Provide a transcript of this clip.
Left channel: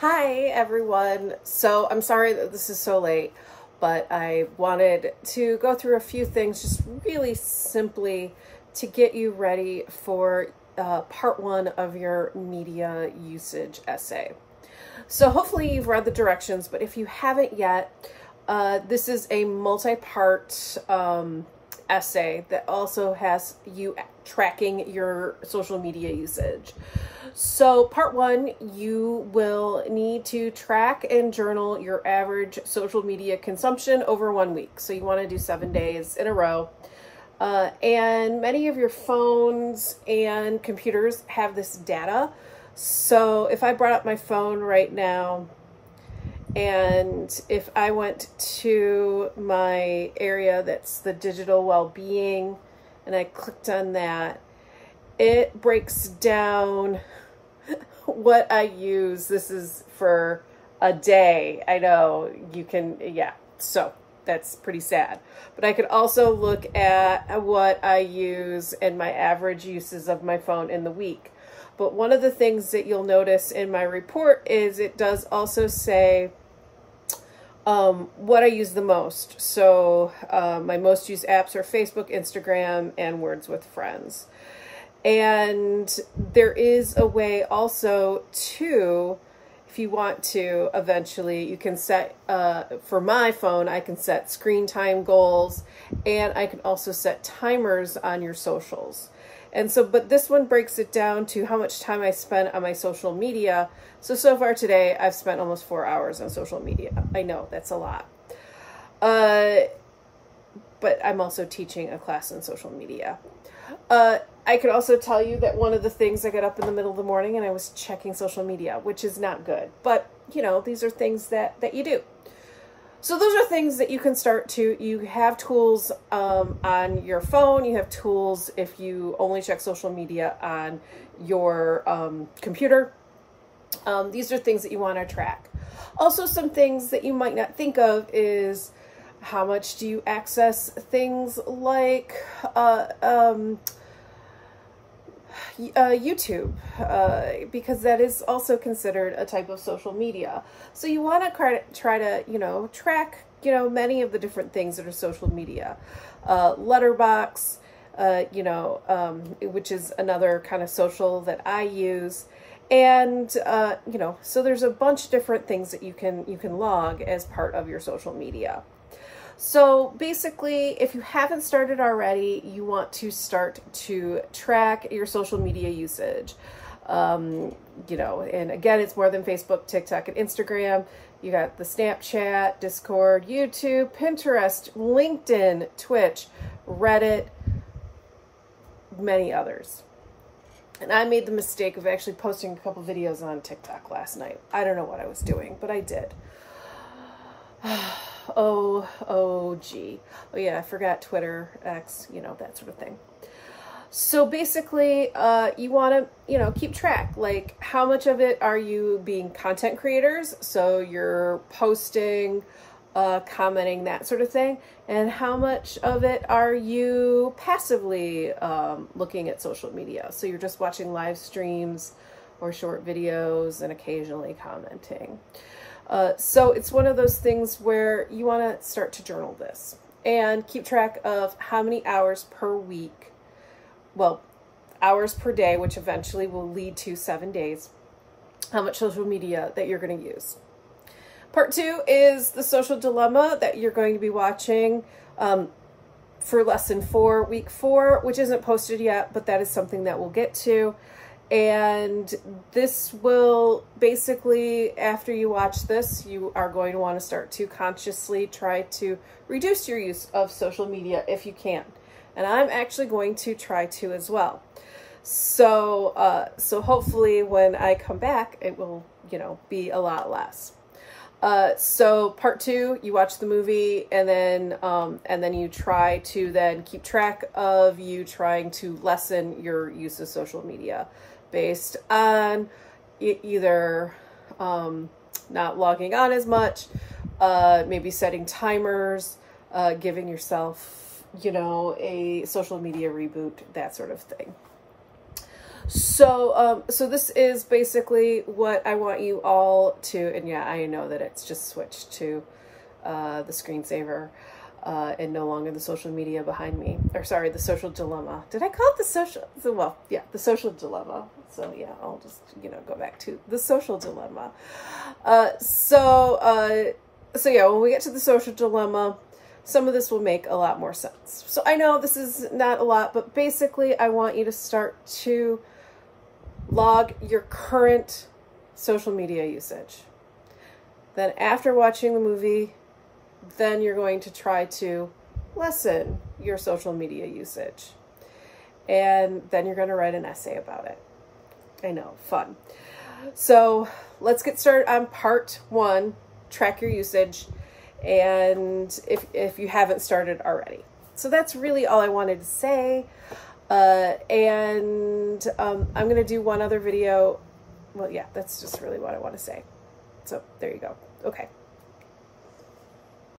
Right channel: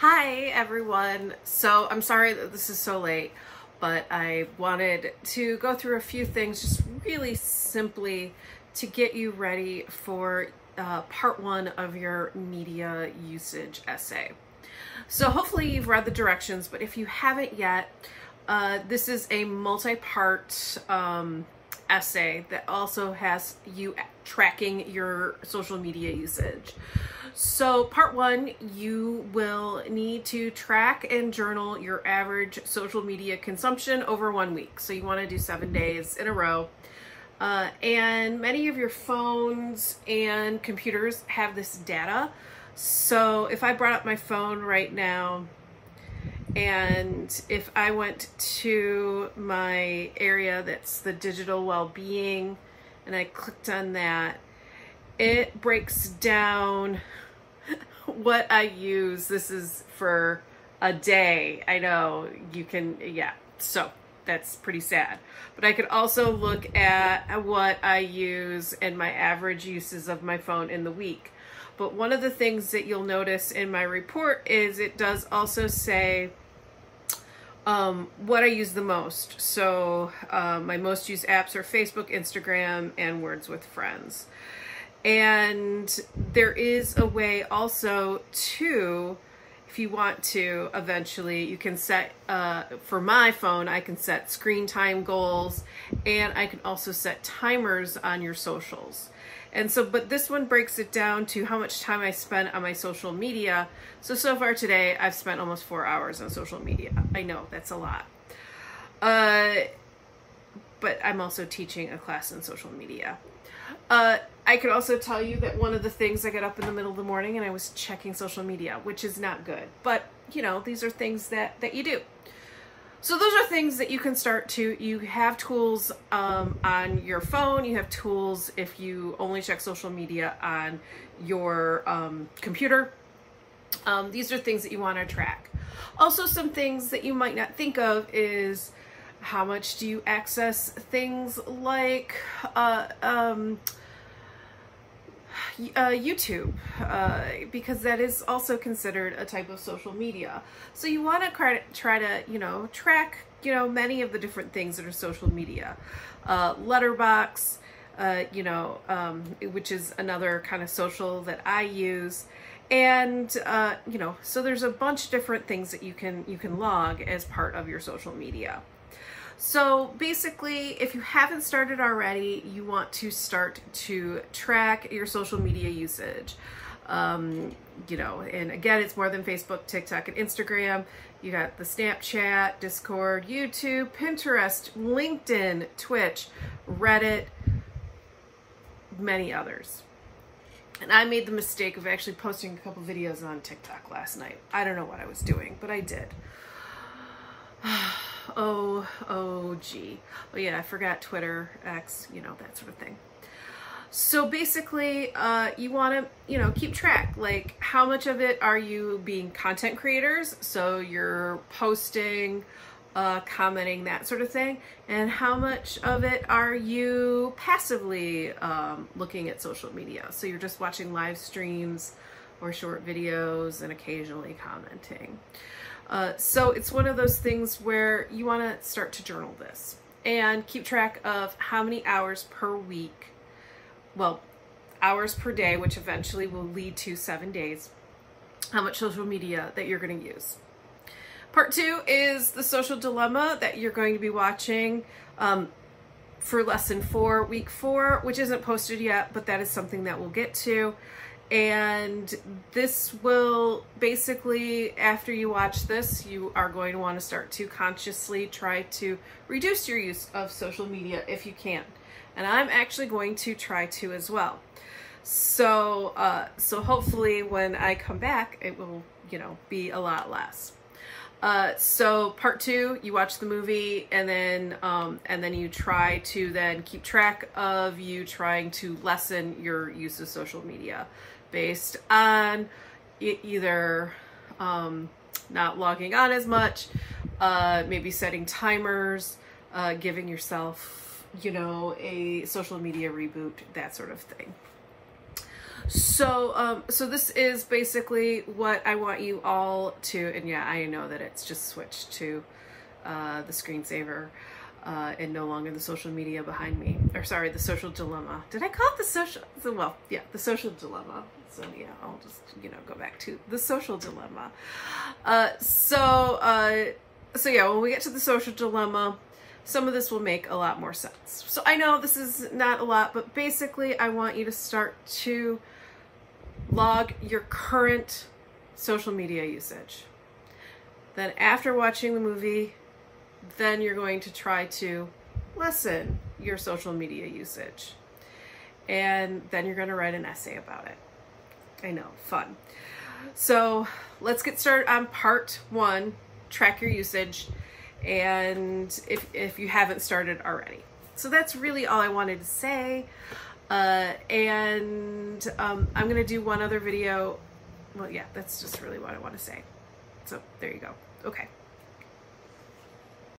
Hi everyone. So I'm sorry that this is so late, but I wanted to go through a few things just really simply to get you ready for part one of your media usage essay. So hopefully you've read the directions, but if you haven't yet, this is a multi-part essay that also has you tracking your social media usage. So part one, you will need to track and journal your average social media consumption over 1 week. So you want to do 7 days in a row. And many of your phones and computers have this data. So if I brought up my phone right now, and if I went to my area that's the digital well-being, and I clicked on that, it breaks down what I use. This is for a day. I know you can, yeah, so that's pretty sad. But I could also look at what I use and my average uses of my phone in the week. But one of the things that you'll notice in my report is it does also say what I use the most. So my most used apps are Facebook, Instagram, and Words with Friends. And there is a way also to, if you want to, eventually you can set, for my phone, I can set screen time goals, and I can also set timers on your socials. And so, but this one breaks it down to how much time I spend on my social media. So far today, I've spent almost 4 hours on social media. I know that's a lot. But I'm also teaching a class on social media. I could also tell you that one of the things, I got up in the middle of the morning and I was checking social media, which is not good. But, you know, these are things that you do. So those are things that you can start to, you have tools on your phone, you have tools if you only check social media on your computer. These are things that you want to track. Also, some things that you might not think of is how much do you access things like YouTube, because that is also considered a type of social media. So you want to try to, you know, track, you know, many of the different things that are social media. Letterboxd, you know, which is another kind of social that I use. And, you know, so there's a bunch of different things that you can log as part of your social media. So basically, if you haven't started already, you want to start to track your social media usage. You know, and again, it's more than Facebook, TikTok, and Instagram. You got the Snapchat, Discord, YouTube, Pinterest, LinkedIn, Twitch, Reddit, many others. And I made the mistake of actually posting a couple videos on TikTok last night. I don't know what I was doing, but I did. Oh yeah, I forgot Twitter, X, you know, that sort of thing. So basically, you want to, you know, keep track, like how much of it are you being content creators? So you're posting, commenting, that sort of thing. And how much of it are you passively looking at social media? So you're just watching live streams or short videos and occasionally commenting. So it's one of those things where you want to start to journal this and keep track of how many hours per week, well, hours per day, which eventually will lead to 7 days, how much social media that you're going to use. Part two is the social dilemma that you're going to be watching for lesson 4, week 4, which isn't posted yet, but that is something that we'll get to. And this will basically, after you watch this, you are going to want to start to consciously try to reduce your use of social media if you can. And I'm actually going to try to as well. So, so hopefully when I come back, it will, you know, be a lot less. So part 2, you watch the movie and then you try to then keep track of you trying to lessen your use of social media based on either not logging on as much, maybe setting timers, giving yourself, you know, a social media reboot, that sort of thing. So this is basically what I want you all to, and yeah, I know that it's just switched to the screensaver and no longer the social media behind me, or sorry, the social dilemma. Did I call it the social, well, yeah, the social dilemma. So yeah, I'll just, you know, go back to the social dilemma. So yeah, when we get to the social dilemma, some of this will make a lot more sense. So I know this is not a lot, but basically I want you to start to log your current social media usage. Then after watching the movie, then you're going to try to lessen your social media usage. And then you're going to write an essay about it. I know, fun. So let's get started on part 1, track your usage, and if you haven't started already. So that's really all I wanted to say. I'm going to do one other video. Well, yeah, that's just really what I want to say. So there you go. Okay.